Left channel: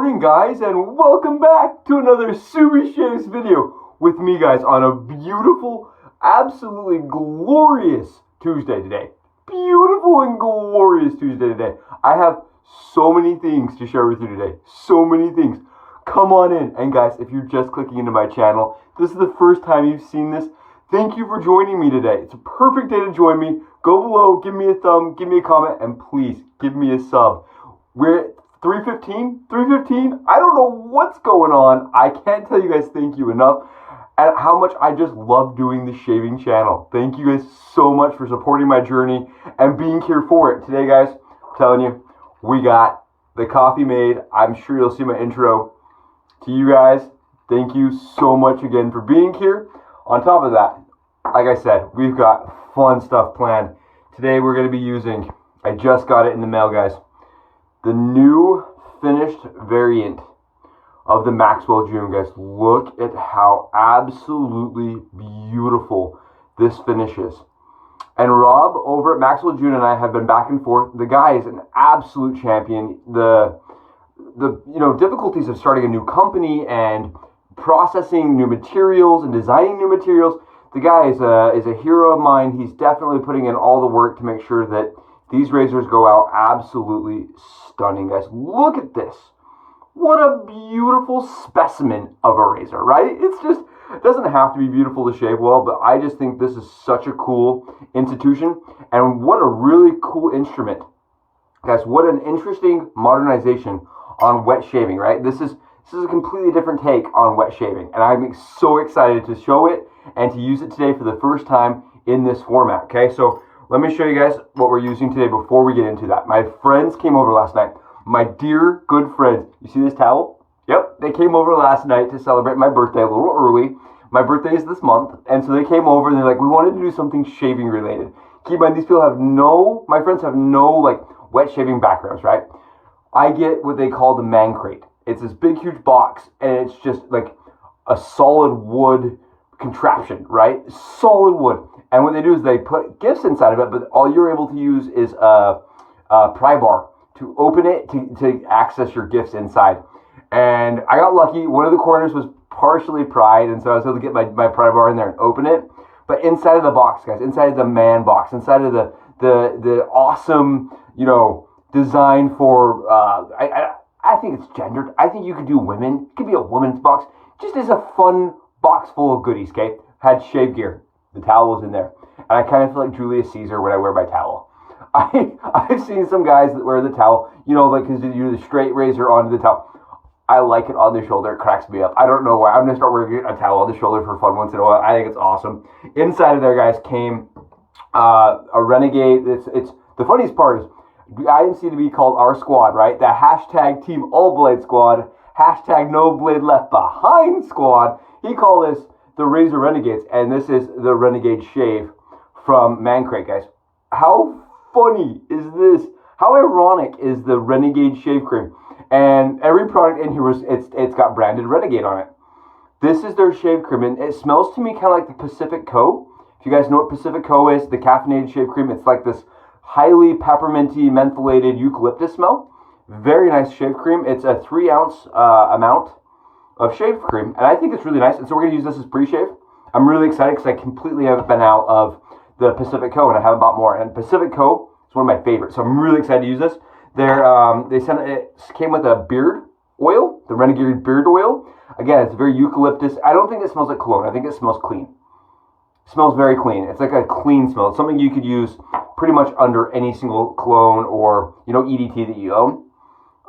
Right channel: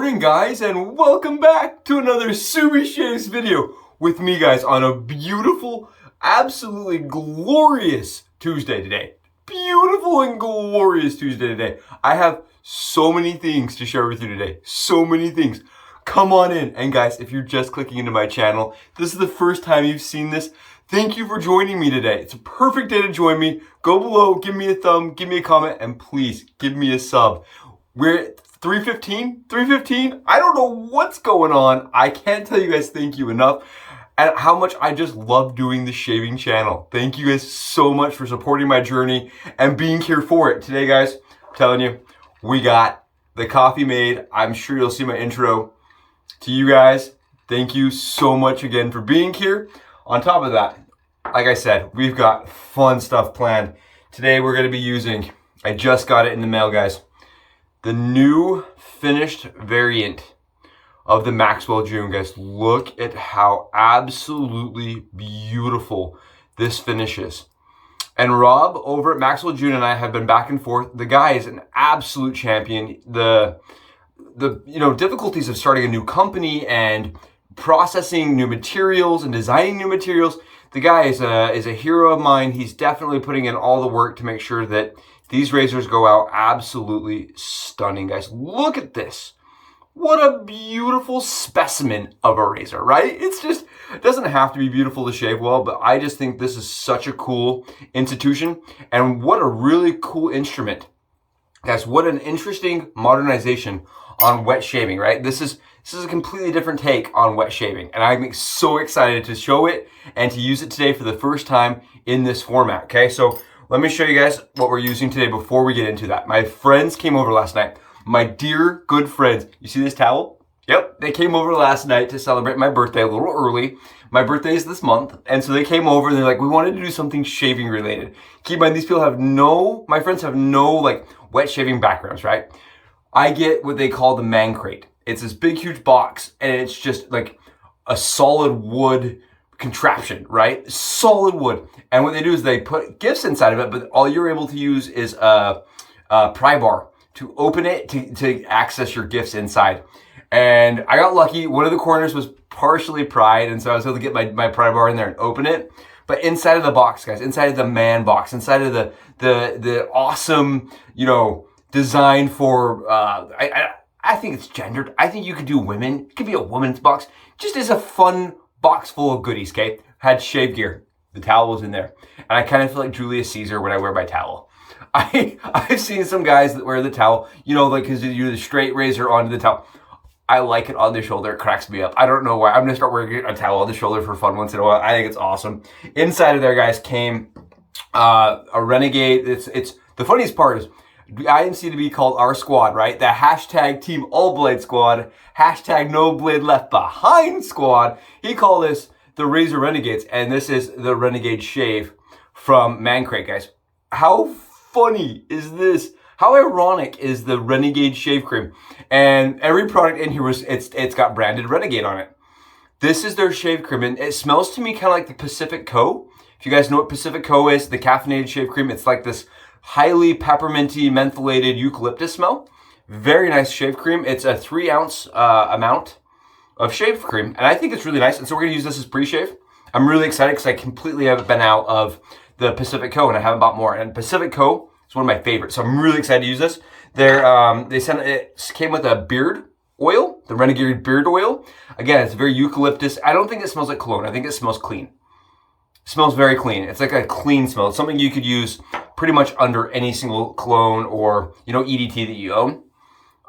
morning, guys, and welcome back to another Subi Shaves video with me, guys, on a beautiful, absolutely glorious Tuesday today. Beautiful and glorious Tuesday today. I have so many things to share with you today. So many things. Come on in. And guys, if you're just clicking into my channel, this is the first time you've seen this, thank you for joining me today. It's a perfect day to join me. Go below, give me a thumb, give me a comment, and please give me a sub. We're at 315. I don't know what's going on. I can't tell you guys thank you enough and how much I just love doing the shaving channel. Thank you guys so much for supporting my journey and being here for it. Today, guys, I'm telling you, we got the coffee made. I'm sure you'll see my intro. To you guys, thank you so much again for being here. On top of that, like I said, we've got fun stuff planned. Today we're going to be using, I just got it in the mail, guys, the new finished variant of the Maxwell Jr. Guys, look at how absolutely beautiful this finish is. And Rob over at Maxwell Jr. and I have been back and forth. The guy is an absolute champion. The difficulties of starting a new company and processing new materials and designing new materials. The guy is a hero of mine. He's definitely putting in all the work to make sure that these razors go out absolutely stunning, guys. Look at this. What a beautiful specimen of a razor, right? It's just, it doesn't have to be beautiful to shave well, but I just think this is such a cool institution and what a really cool instrument. Guys, what an interesting modernization on wet shaving, right? This is a completely different take on wet shaving, and I'm so excited to show it and to use it today for the first time in this format, okay? So let me show you guys what we're using today before we get into that. My friends came over last night. My dear, good friends. You see this towel? Yep, they came over last night to celebrate my birthday a little early. My birthday is this month, and so they came over and they're like, we wanted to do something shaving related. Keep in mind, these people my friends have no like wet shaving backgrounds, right? I get what they call the ManCrate. It's this big, huge box, and it's just like a solid wood contraption, right? Solid wood. And what they do is they put gifts inside of it, but all you're able to use is a pry bar to open it to access your gifts inside. And I got lucky. One of the corners was partially pried, and so I was able to get my pry bar in there and open it. But inside of the box, guys, inside of the man box, inside of the awesome, design for, I think it's gendered. I think you could do women. It could be a woman's box. Just as a fun box full of goodies, okay? Had shave gear. The towel was in there. And I kind of feel like Julius Caesar when I wear my towel. I've seen some guys that wear the towel, like because you do the straight razor onto the towel. I like it on the shoulder. It cracks me up. I don't know why. I'm going to start wearing a towel on the shoulder for fun once in a while. I think it's awesome. Inside of there, guys, came a Renegade. It's the funniest part is I seem to be called our squad, right? The hashtag Team All Blade Squad, hashtag No Blade Left Behind Squad. He called this the Razor Renegades, and this is the Renegade Shave from ManCrate, guys. How funny is this? How ironic is the Renegade Shave Cream? And every product in here it's got branded Renegade on it. This is their shave cream, and it smells to me kind of like the Pacific Co. If you guys know what Pacific Co is, the caffeinated shave cream, it's like this highly pepperminty, mentholated eucalyptus smell. Very nice shave cream. It's a 3-ounce amount of shave cream, and I think it's really nice. And so we're gonna use this as pre-shave. I'm really excited because I completely have been out of the Pacific Co and I haven't bought more. And Pacific Co is one of my favorites, so I'm really excited to use this. It came with a beard oil, the Renegade beard oil. Again, it's very eucalyptus. I don't think it smells like cologne. I think it smells clean. It smells very clean. It's like a clean smell. It's something you could use pretty much under any single cologne or EDT that you own.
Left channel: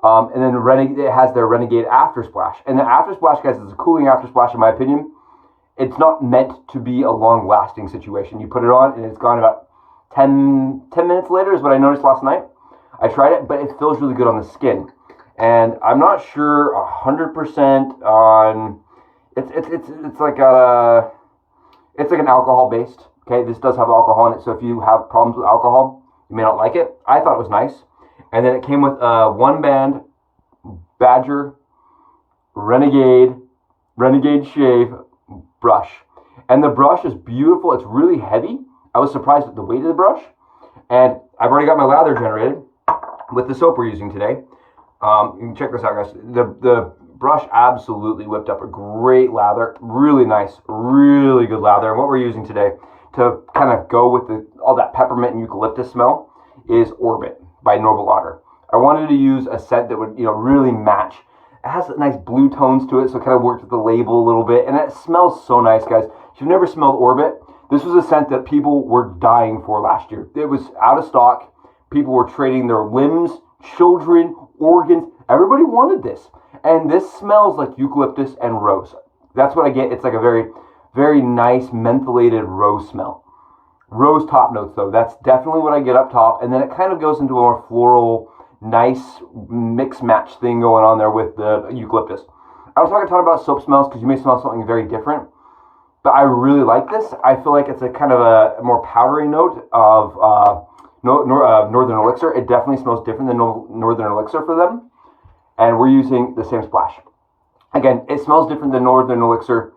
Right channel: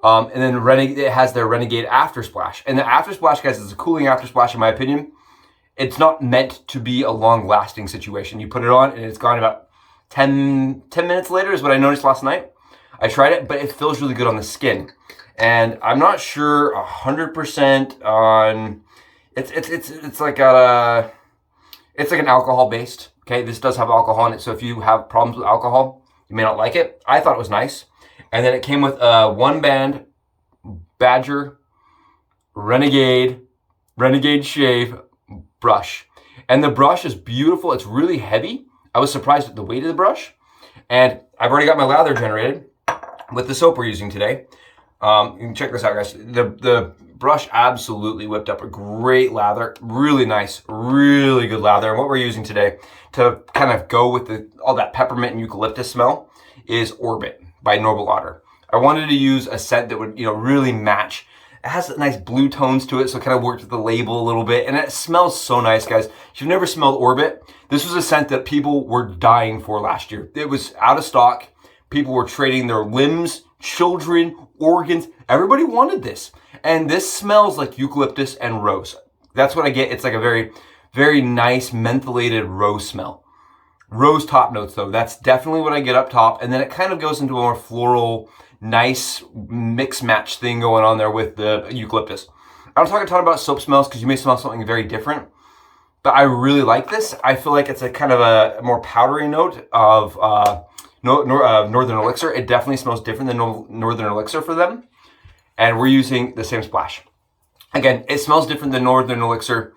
And then it has their Renegade After Splash. And the After Splash, guys, is a cooling After Splash in my opinion. It's not meant to be a long-lasting situation. You put it on and it's gone about 10 minutes later is what I noticed last night. I tried it, but it feels really good on the skin. And I'm not sure 100% on, it's like an alcohol based. Okay, this does have alcohol in it, so if you have problems with alcohol, you may not like it. I thought it was nice. And then it came with a 1-band Badger Renegade Shave brush. And the brush is beautiful. It's really heavy. I was surprised at the weight of the brush. And I've already got my lather generated with the soap we're using today. You can check this out, guys. The brush absolutely whipped up a great lather. Really nice, really good lather. And what we're using today to kind of go with all that peppermint and eucalyptus smell is Orbit by Otter. I wanted to use a scent that would, really match. It has nice blue tones to it, so it kind of worked with the label a little bit. And it smells so nice, guys. If you've never smelled Orbit, this was a scent that people were dying for last year. It was out of stock. People were trading their limbs, children, organs. Everybody wanted this. And this smells like eucalyptus and rose. That's what I get. It's like a very, very nice mentholated rose smell. Rose top notes, though. That's definitely what I get up top. And then it kind of goes into a more floral, nice mix match thing going on there with the eucalyptus. I don't talk a ton about soap smells because you may smell something very different, but I really like this. I feel like it's a kind of a more powdery note of Northern Elixir. It definitely smells different than Northern Elixir for them. And we're using the same splash. Again, it smells different than Northern Elixir,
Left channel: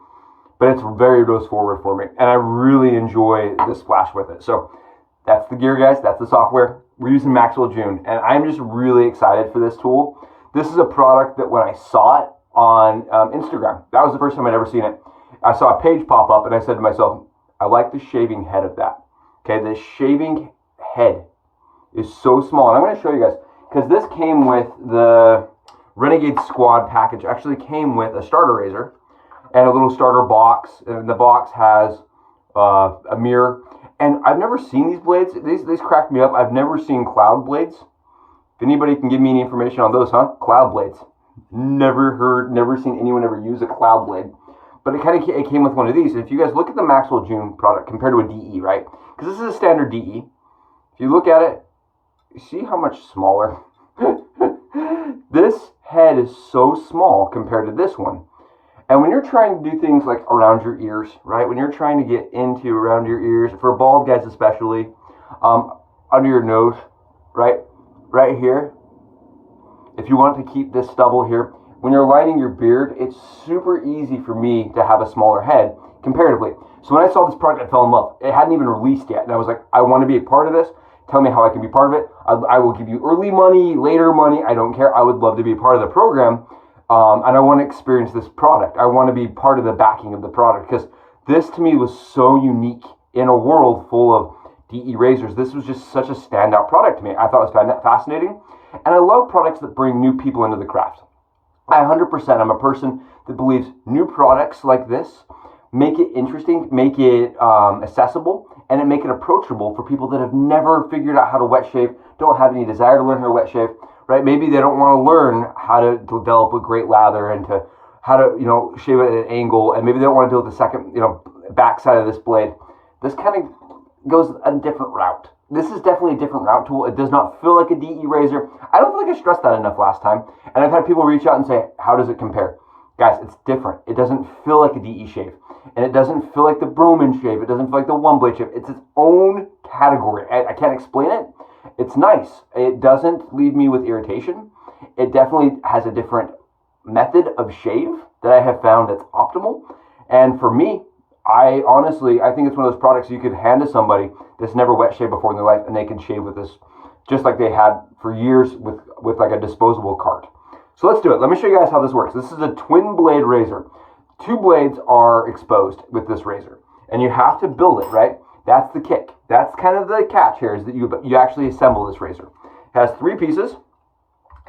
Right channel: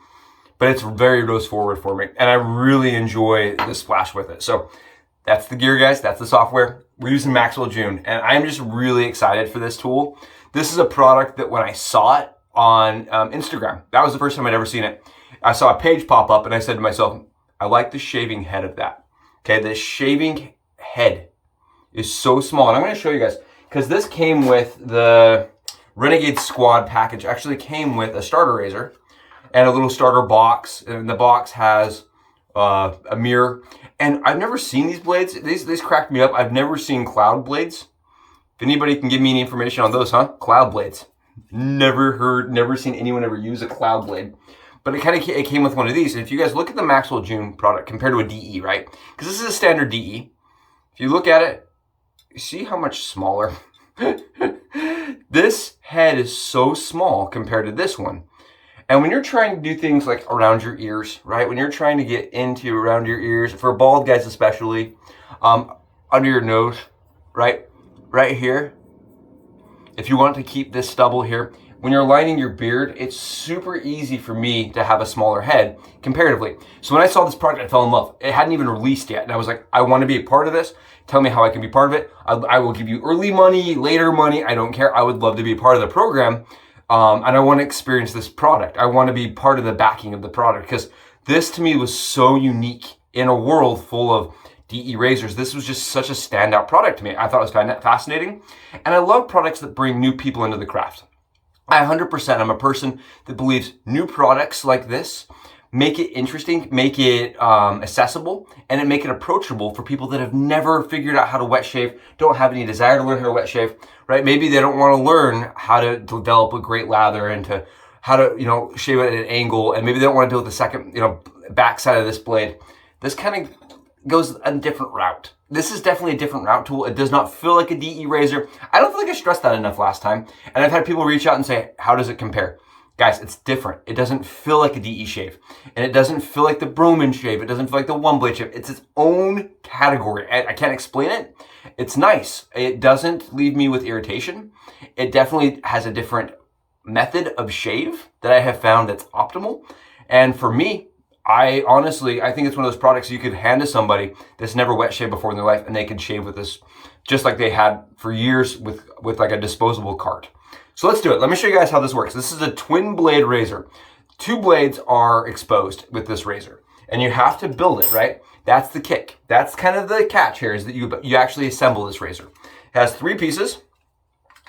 but it's very rose forward for me. And I really enjoy the splash with it. So that's the gear, guys. That's the software. We're using Maxwell Jr. And I'm just really excited for this tool. This is a product that when I saw it on Instagram, that was the first time I'd ever seen it. I saw a page pop up and I said to myself, I like the shaving head of that. Okay, the shaving head is so small. And I'm going to show you guys, because this came with the Renegade Squad package. Actually came with a starter razor and a little starter box. And the box has a mirror. And I've never seen these blades. These cracked me up. I've never seen cloud blades. If anybody can give me any information on those, huh? Cloud blades. Never seen anyone ever use a cloud blade. But it came with one of these. And if you guys look at the Maxwell Jr product compared to a DE, right? Because this is a standard DE. If you look at it, you see how much smaller? This head is so small compared to this one. And when you're trying to do things like around your ears, right? When you're trying to get into around your ears, for bald guys especially, under your nose, right? Right here. If you want to keep this stubble here, when you're lining your beard, it's super easy for me to have a smaller head comparatively. So when I saw this product, I fell in love. It hadn't even released yet. And I was like, I want to be a part of this. Tell me how I can be part of it. I will give you early money, later money. I don't care. I would love to be a part of the program. And I want to experience this product. I want to be part of the backing of the product because this to me was so unique in a world full of DE razors. This was just such a standout product to me. I thought it was fascinating. And I love products that bring new people into the craft. I 100%, I'm a person that believes new products like this make it interesting, make it accessible, and make it approachable for people that have never figured out how to wet shave, don't have any desire to learn how to wet shave, right? Maybe they don't want to learn how to develop a great lather and to how to, shave it at an angle, and maybe they don't want to deal with the second, back side of this blade. This kind of goes a different route. This is definitely a different route tool. It does not feel like a DE razor. I don't feel like I stressed that enough last time. And I've had people reach out and say, how does it compare? Guys, it's different. It doesn't feel like a DE shave. And it doesn't feel like the Broman shave. It doesn't feel like the one blade shave. It's its own category. I can't explain it. It's nice. It doesn't leave me with irritation. It definitely has a different method of shave that I have found that's optimal. And for me, I think it's one of those products you could hand to somebody that's never wet shaved before in their life and they can shave with this just like they had for years with like a disposable cart. So let's do it. Let me show you guys how this works. This is a TwinBlade razor. Two blades are exposed with this razor and you have to build it, right? That's the kick. That's kind of the catch here is that you actually assemble this razor. It has 3 pieces.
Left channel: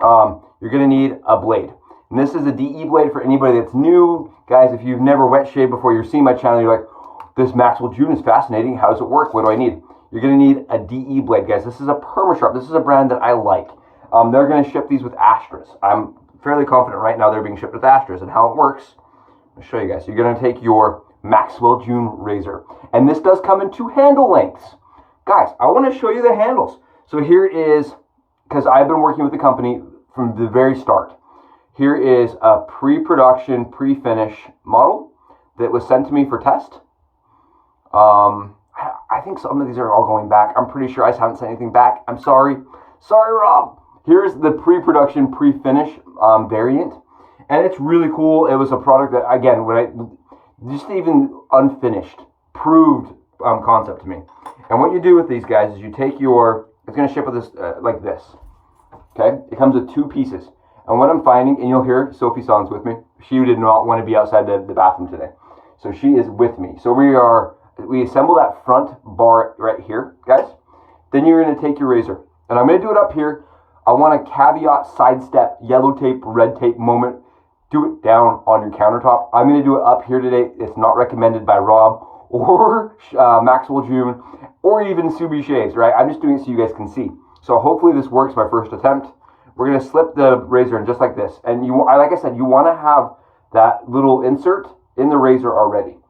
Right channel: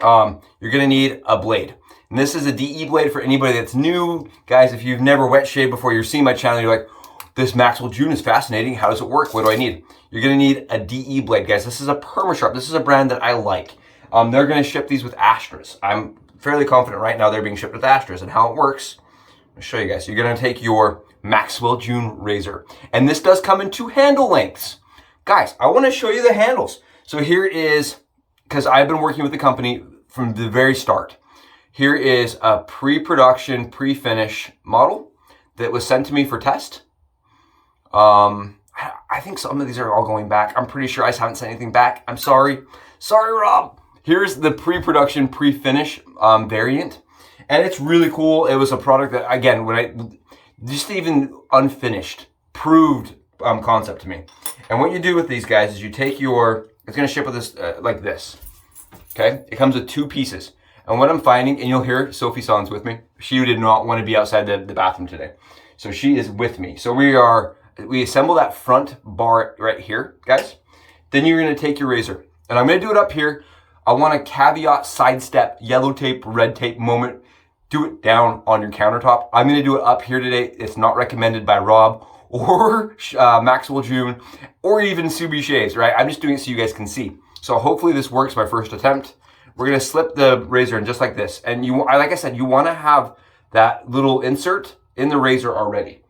You're gonna need a blade. And this is a DE blade for anybody that's new. Guys, if you've never wet shaved before, you're seeing my channel, you're like, this Maxwell Jr is fascinating. How does it work? What do I need? You're gonna need a DE blade, guys. This is a Permasharp. This is a brand that I like. They're gonna ship these with Astras. I'm fairly confident right now they're being shipped with Astras. And how it works, I'll show you guys. You're gonna take your Maxwell Jr razor. And this does come in 2 handle lengths. Guys, I wanna show you the handles. So here is, because I've been working with the company from the very start. Here is a pre-production, pre-finish model that was sent to me for test. I think some of these are all going back. I'm pretty sure I haven't sent anything back. I'm sorry. Sorry, Rob. Here's the pre-production, pre-finish variant. And it's really cool. It was a product that, again, just even unfinished, proved concept to me. And what you do with these guys is you take it's going to ship with this like this. Okay? It comes with 2 pieces. And what I'm finding, and you'll hear Sophie Sons with me, she did not want to be outside the bathroom today. So she is with me. So we assemble that front bar right here, guys. Then you're gonna take your razor. And I'm gonna do it up here. I want a caveat, sidestep, yellow tape, red tape moment. Do it down on your countertop. I'm gonna do it up here today. It's not recommended by Rob or Maxwell Jr. or even Subi Shaves, right? I'm just doing it so you guys can see. So hopefully this works my first attempt. We're gonna slip the razor in just like this. And like I said, you wanna have that little insert in the razor already.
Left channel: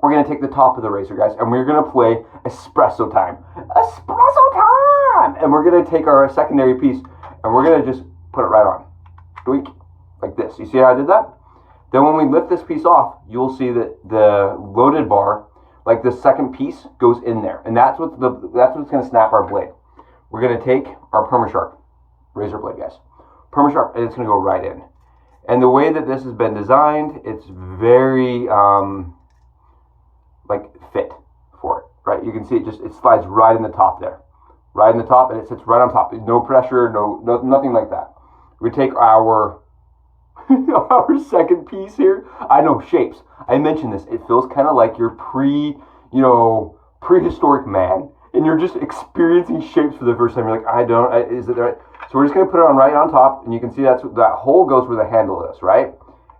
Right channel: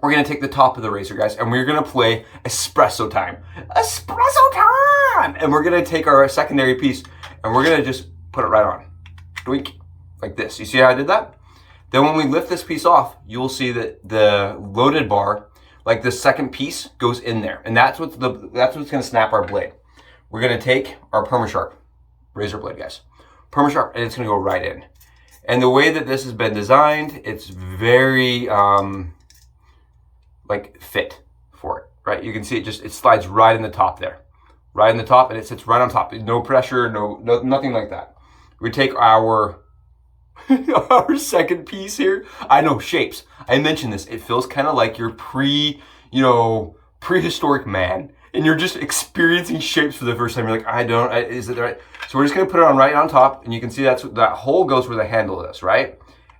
We're gonna take the top of the razor, guys, and we're gonna play espresso time. Espresso time! And we're gonna take our secondary piece and we're gonna just put it right on. Doink, like this. You see how I did that? Then when we lift this piece off, you'll see that the loaded bar, like the second piece, goes in there. And that's what's gonna snap our blade. We're gonna take our Permasharp razor blade, guys. Permasharp, and it's gonna go right in. And the way that this has been designed, it's very like fit for it, right? You can see it slides right in the top there. Right in the top, and it sits right on top. No pressure, nothing like that. We take our our second piece here. I know, shapes. I mentioned this. It feels kind of like you're prehistoric man, and you're just experiencing shapes for the first time. You're like, is it right? So we're just gonna put it on right on top, and you can see that hole goes where the handle is, right?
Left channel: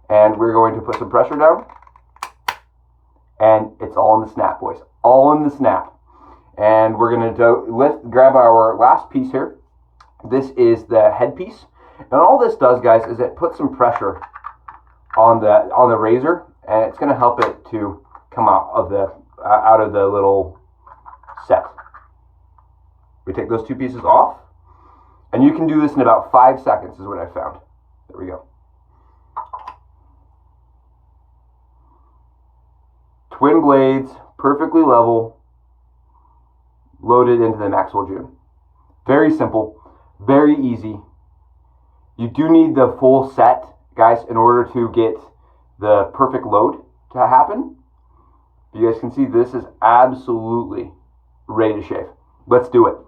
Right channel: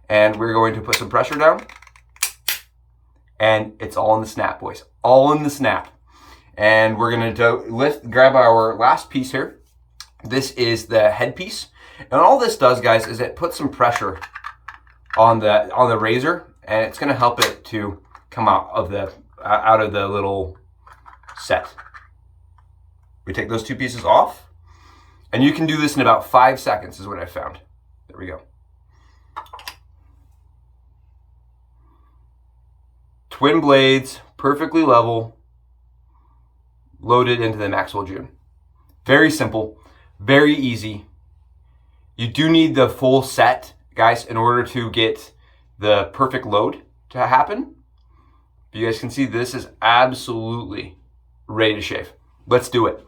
And we're going to put some pressure down, and it's all in the snap, boys. All in the snap. And we're gonna grab our last piece here. This is the headpiece. And all this does, guys, is it puts some pressure on the razor, and it's gonna help it to come out of the little set. We take those two pieces off, and you can do this in about 5 seconds is what I found. There we go. Twin blades, perfectly level, loaded into the Maxwell Jr. Very simple, very easy. You do need the full set, guys, in order to get the perfect load to happen. You guys can see this is absolutely ready to shave. Let's do it.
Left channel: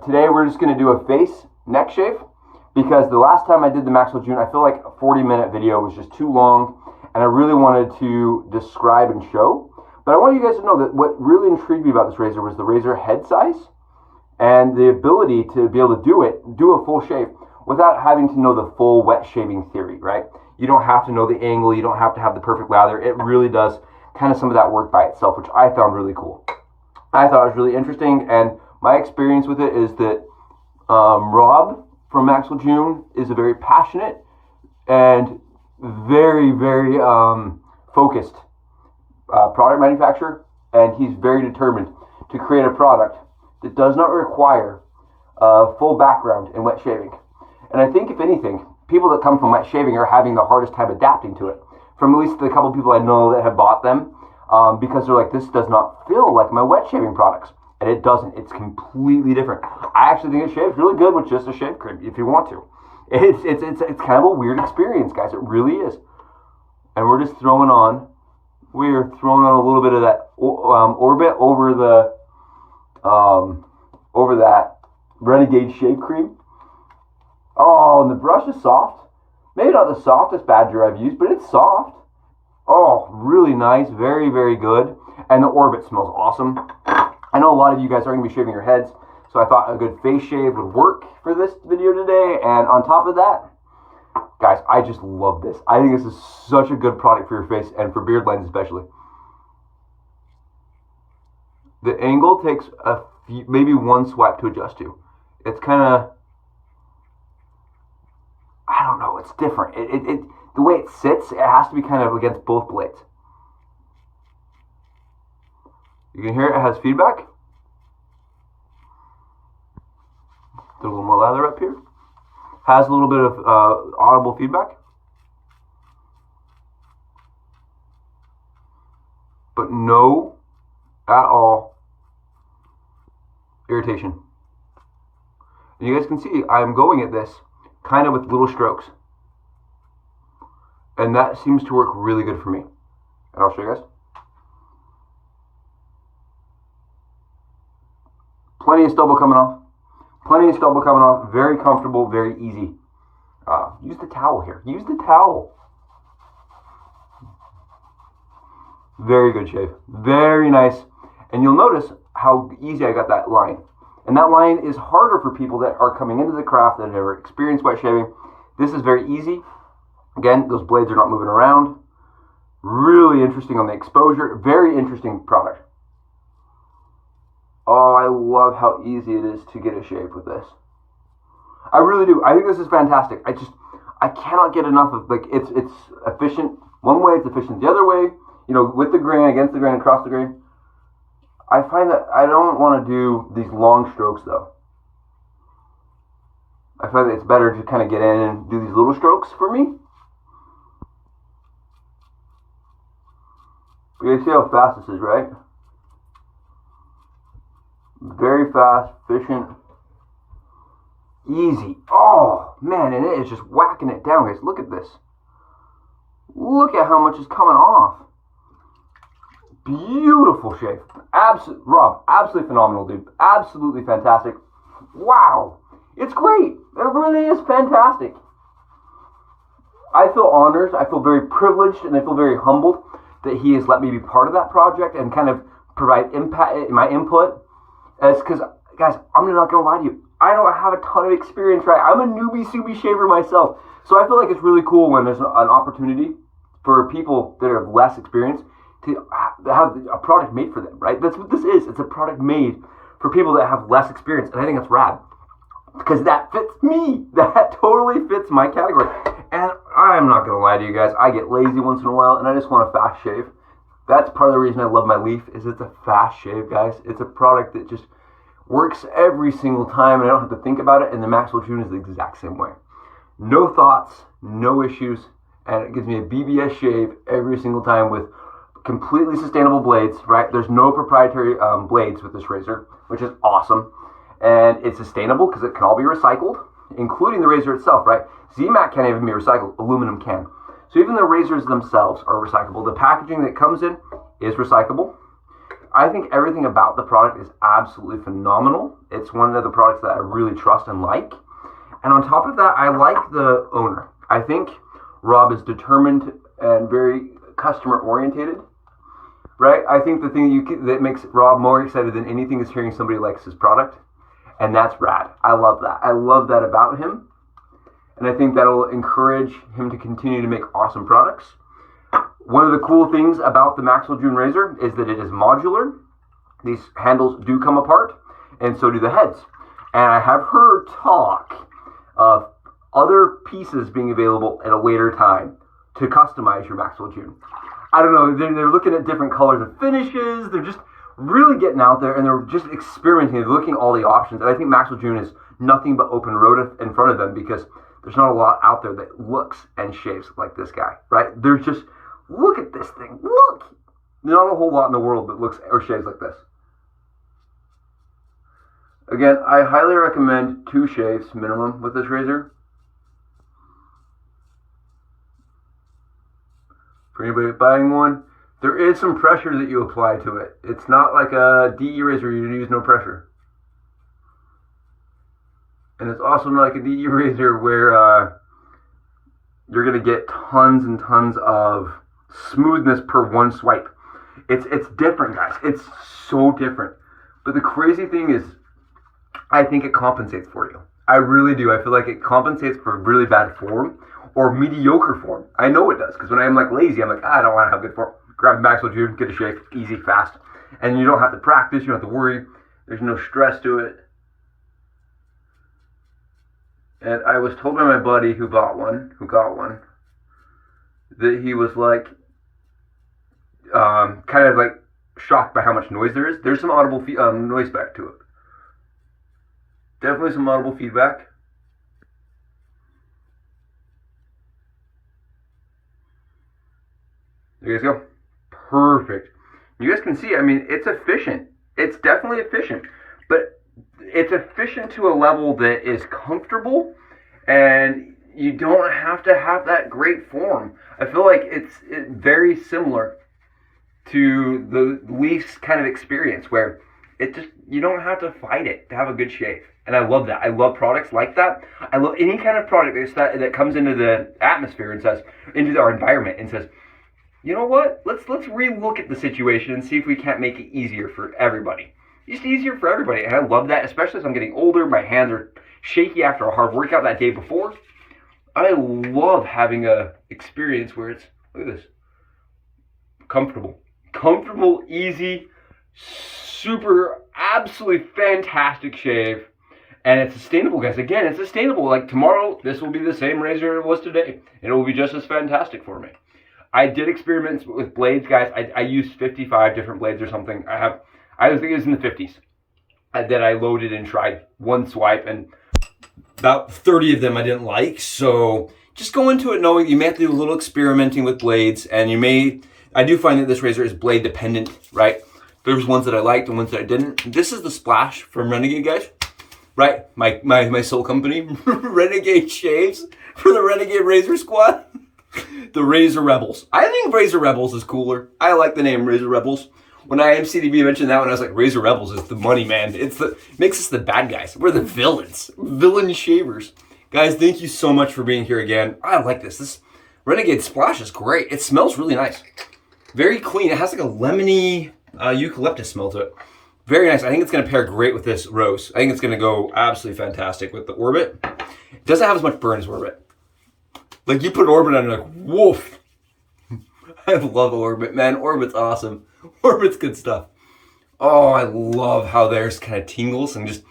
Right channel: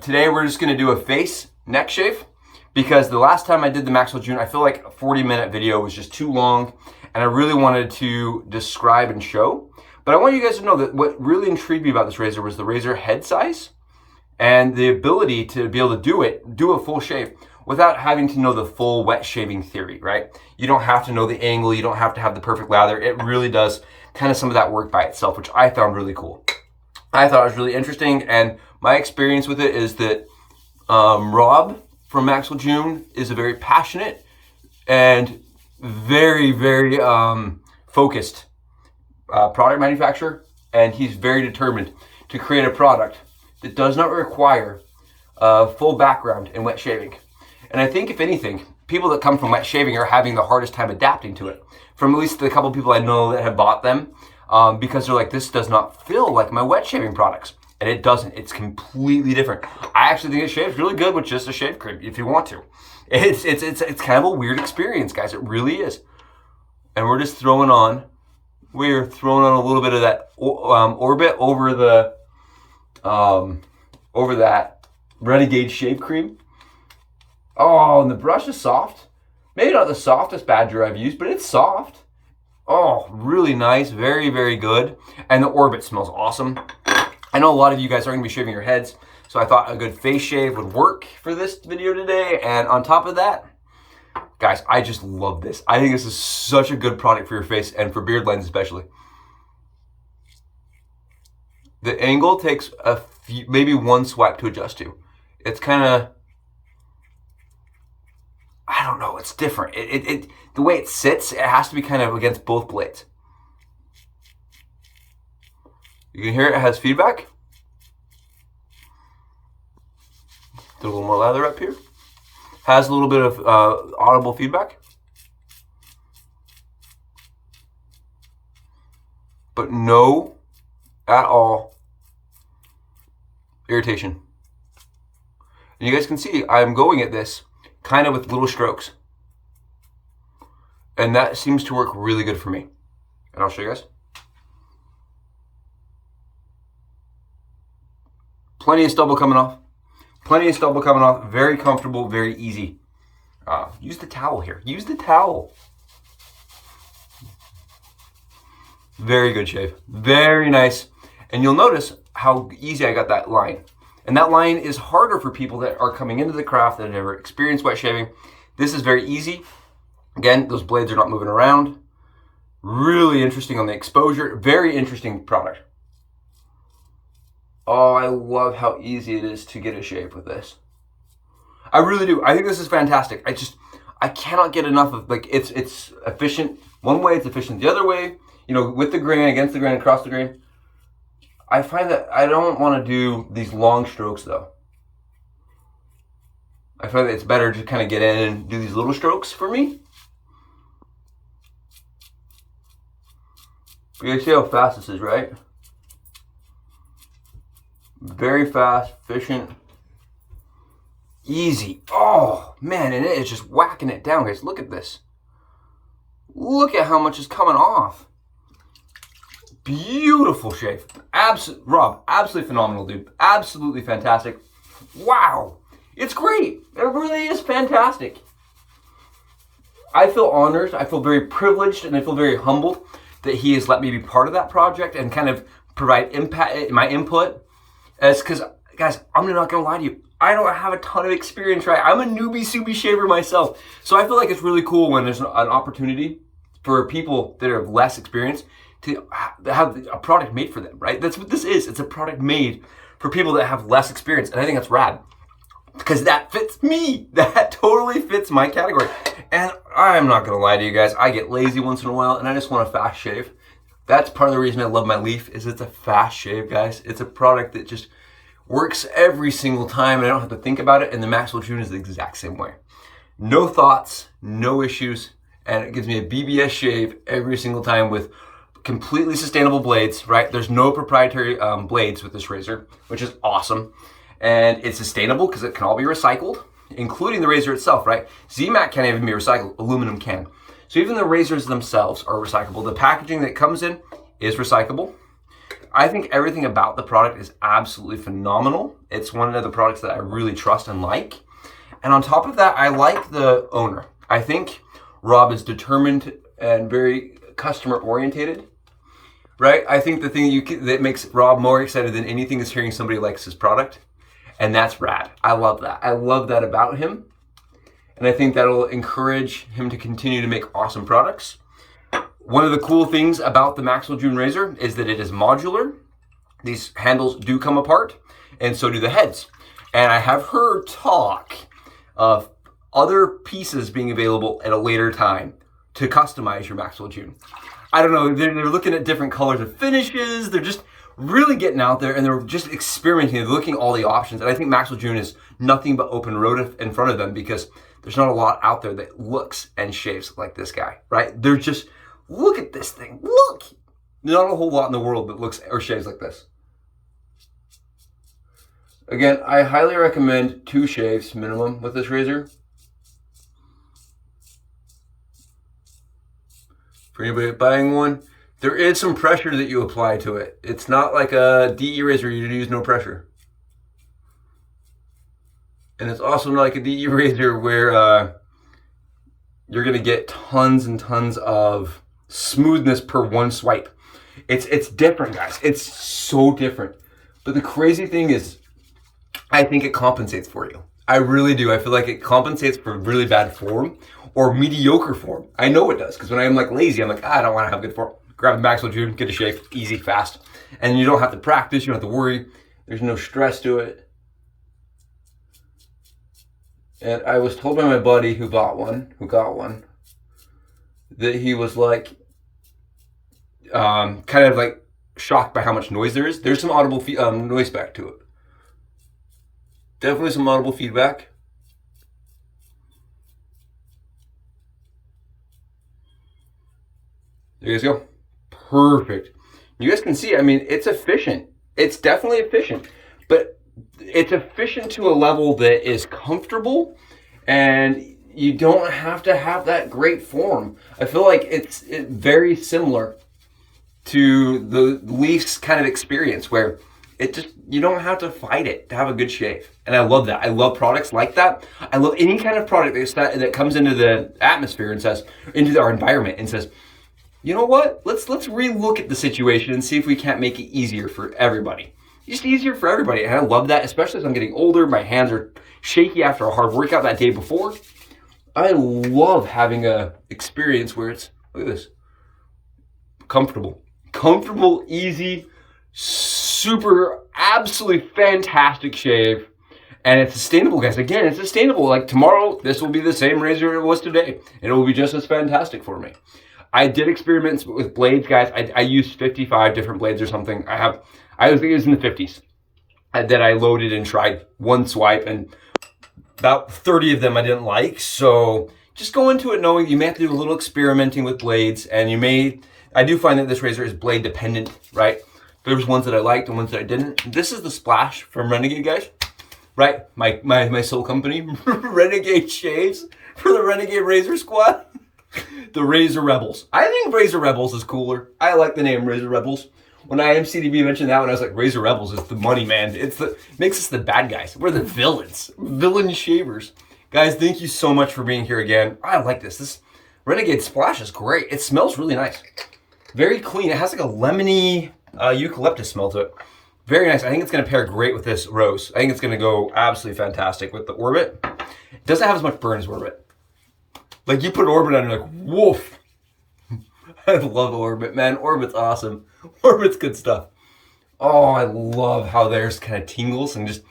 Today we're just gonna do a face neck shave because the last time I did the Maxwell Jr, I feel like a 40-minute video was just too long, and I really wanted to describe and show. But I want you guys to know that what really intrigued me about this razor was the razor head size and the ability to be able to do a full shave without having to know the full wet shaving theory, right? You don't have to know the angle, you don't have to have the perfect lather. It really does kind of some of that work by itself, which I found really cool. I thought it was really interesting, and my experience with it is that Rob from Maxwell Jr is a very passionate and very, very focused product manufacturer, and he's very determined to create a product that does not require a full background in wet shaving. And I think, if anything, people that come from wet shaving are having the hardest time adapting to it. From at least the couple people I know that have bought them, because they're like, this does not feel like my wet shaving products. And it doesn't. It's completely different. I actually think it shaves really good with just a shave cream, if you want to. It's kind of a weird experience, guys. It really is. And we're just throwing on a little bit of that orbit over that Renegade Shave Cream. Oh, and the brush is soft. Maybe not the softest Badger I've used, but it's soft. Oh, really nice. Very, very good. And the orbit smells awesome. I know a lot of you guys are going to be shaving your heads, so I thought a good face shave would work for this video today. And on top of that, guys, I just love this. I think this is such a good product for your face and for beard lines especially. The angle takes maybe one swipe to adjust to. It's kind of, I don't know, it's different. The way it sits, it has to be kind of against both blades. You can hear it has feedback. Do a little more lather up here. Has a little bit of audible feedback. But no, at all, irritation. And you guys can see I'm going at this kind of with little strokes. And that seems to work really good for me. And I'll show you guys. Plenty of stubble coming off. Plenty of stubble coming off. Very comfortable, very easy. Use the towel here. Use the towel. Very good shave. Very nice. And you'll notice how easy I got that line. And that line is harder for people that are coming into the craft that have never experienced wet shaving. This is very easy. Again, those blades are not moving around. Really interesting on the exposure. Very interesting product. Oh, I love how easy it is to get a shave with this. I really do. I think this is fantastic. I cannot get enough of, like, it's efficient one way, it's efficient the other way. You know, with the grain, against the grain, across the grain. I find that I don't want to do these long strokes though. I find that it's better to kind of get in and do these little strokes for me. You can see how fast this is, right? Very fast, efficient, easy. Oh man, and it's just whacking it down, guys. Look at this. Look at how much is coming off. Beautiful shave. Rob, absolutely phenomenal, dude. Absolutely fantastic. Wow. It's great. It really is fantastic. I feel honored. I feel very privileged, and I feel very humbled that he has let me be part of that project and kind of provide my input. Because, guys, I'm not going to lie to you. I don't have a ton of experience, right? I'm a newbie shaver myself. So I feel like it's really cool when there's an opportunity for people that have less experience to have a product made for them, right? That's what this is. It's a product made for people that have less experience. And I think that's rad because that fits me. That totally fits my category. And I'm not going to lie to you guys. I get lazy once in a while and I just want a fast shave. That's part of the reason I love my Leaf is it's a fast shave, guys. It's a product that just works every single time and I don't have to think about it. And the Maxwell Jr is the exact same way. No thoughts, no issues. And it gives me a BBS shave every single time with completely sustainable blades, right? There's no proprietary blades with this razor, which is awesome. And it's sustainable because it can all be recycled, including the razor itself, right? ZMAT can't even be recycled, aluminum can. So even the razors themselves are recyclable. The packaging that comes in is recyclable. I think everything about the product is absolutely phenomenal. It's one of the products that I really trust and like. And on top of that, I like the owner. I think Rob is determined and very customer orientated. Right? I think the thing that makes Rob more excited than anything is hearing somebody likes his product. And that's rad. I love that. I love that about him. And I think that'll encourage him to continue to make awesome products. One of the cool things about the Maxwell Jr razor is that it is modular. These handles do come apart, and so do the heads. And I have heard talk of other pieces being available at a later time to customize your Maxwell Jr. I don't know, they're looking at different colors of finishes. They're just really getting out there and they're just experimenting. They're looking at all the options. And I think Maxwell Jr is nothing but open road in front of them because there's not a lot out there that looks and shaves like this guy, right? They're just, look at this thing. Look! Not a whole lot in the world that looks or shaves like this. Again, I highly recommend 2 shaves minimum with this razor. For anybody buying one, there is some pressure that you apply to it. It's not like a DE razor you use no pressure. And it's also not like a DE razor where you're gonna get tons and tons of smoothness per one swipe. It's different, guys. It's so different. But the crazy thing is, I think it compensates for you. I really do. I feel like it compensates for really bad form or mediocre form. I know it does, because when I'm like lazy, I'm like, I don't want to have good form. Grab the Maxwell Jr, get a shave, easy, fast. And you don't have to practice, you don't have to worry. There's no stress to it. And I was told by my buddy who got one, that he was like, kind of like shocked by how much noise there is. There's some audible noise back to it. Definitely some audible feedback. There you guys go. Perfect. You guys can see, I mean, it's efficient. It's definitely efficient, but it's efficient to a level that is comfortable and you don't have to have that great form. I feel like it's very similar to the Leaf's kind of experience where it just, you don't have to fight it to have a good shave. And I love that. I love products like that. I love any kind of product that comes into the atmosphere and says, into our environment and says, you know what? Let's relook at the situation and see if we can't make it easier for everybody. Just easier for everybody. And I love that, especially as I'm getting older. My hands are shaky after a hard workout that day before. I love having a experience where it's, look at this, comfortable, easy, super, absolutely fantastic shave. And it's sustainable, guys. Again, it's sustainable. Like tomorrow, this will be the same razor it was today, and it will be just as fantastic for me. I did experiments with blades, guys. I used 55 different blades or something. I think it was in the 50s that I loaded and tried one swipe, and about 30 of them I didn't like. So just go into it knowing you may have to do a little experimenting with blades, and I do find that this razor is blade dependent, right? There's ones that I liked and ones that I didn't. This is the Splash from Renegade, guys, right? My soul company, Renegade Shaves for the Renegade Razor Squad. The Razor Rebels. I think Razor Rebels is cooler. I like the name Razor Rebels. When IMCDB mentioned that one, I was like, Razor Rebels is the money, man. Makes us the bad guys. We're the villains. Villain shavers. Guys, thank you so much for being here again. I like this. This Renegade Splash is great. It smells really nice. Very clean. It has like a lemony eucalyptus smell to it. Very nice. I think it's going to pair great with this rose. I think it's going to go absolutely fantastic with the Orbit. It doesn't have as much burn as Orbit. Like you put Orbit on, you're like, woof. I love Orbit, man. Orbit's awesome. Orbit's good stuff. Oh, I love how theirs kind of tingles and just,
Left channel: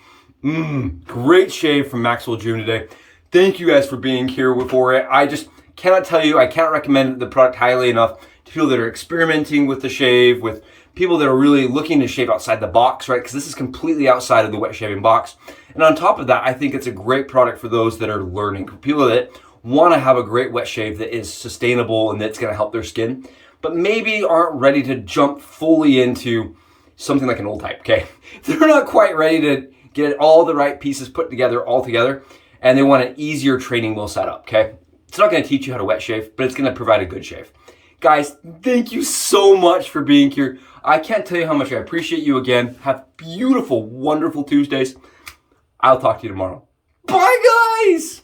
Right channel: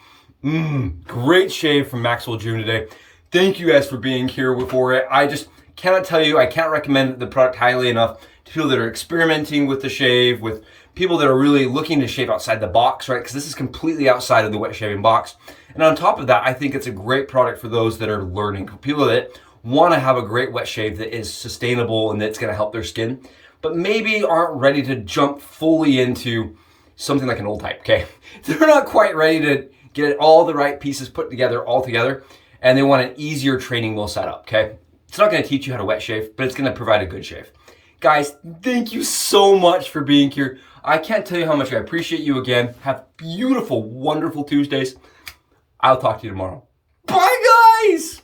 great shave from Maxwell Jr. today. Thank you guys for being here for it. I just cannot tell you, I can't recommend the product highly enough to people that are experimenting with the shave, with people that are really looking to shave outside the box, right? Because this is completely outside of the wet shaving box. And on top of that, I think it's a great product for those that are learning, for people that want to have a great wet shave that is sustainable and that's going to help their skin, but maybe aren't ready to jump fully into something like an old type, okay? They're not quite ready to get all the right pieces put together all together, and they want an easier training wheel setup, okay? It's not going to teach you how to wet shave, but it's going to provide a good shave. Guys, thank you so much for being here. I can't tell you how much I appreciate you again. Have beautiful, wonderful Tuesdays. I'll talk to you tomorrow. Bye, guys!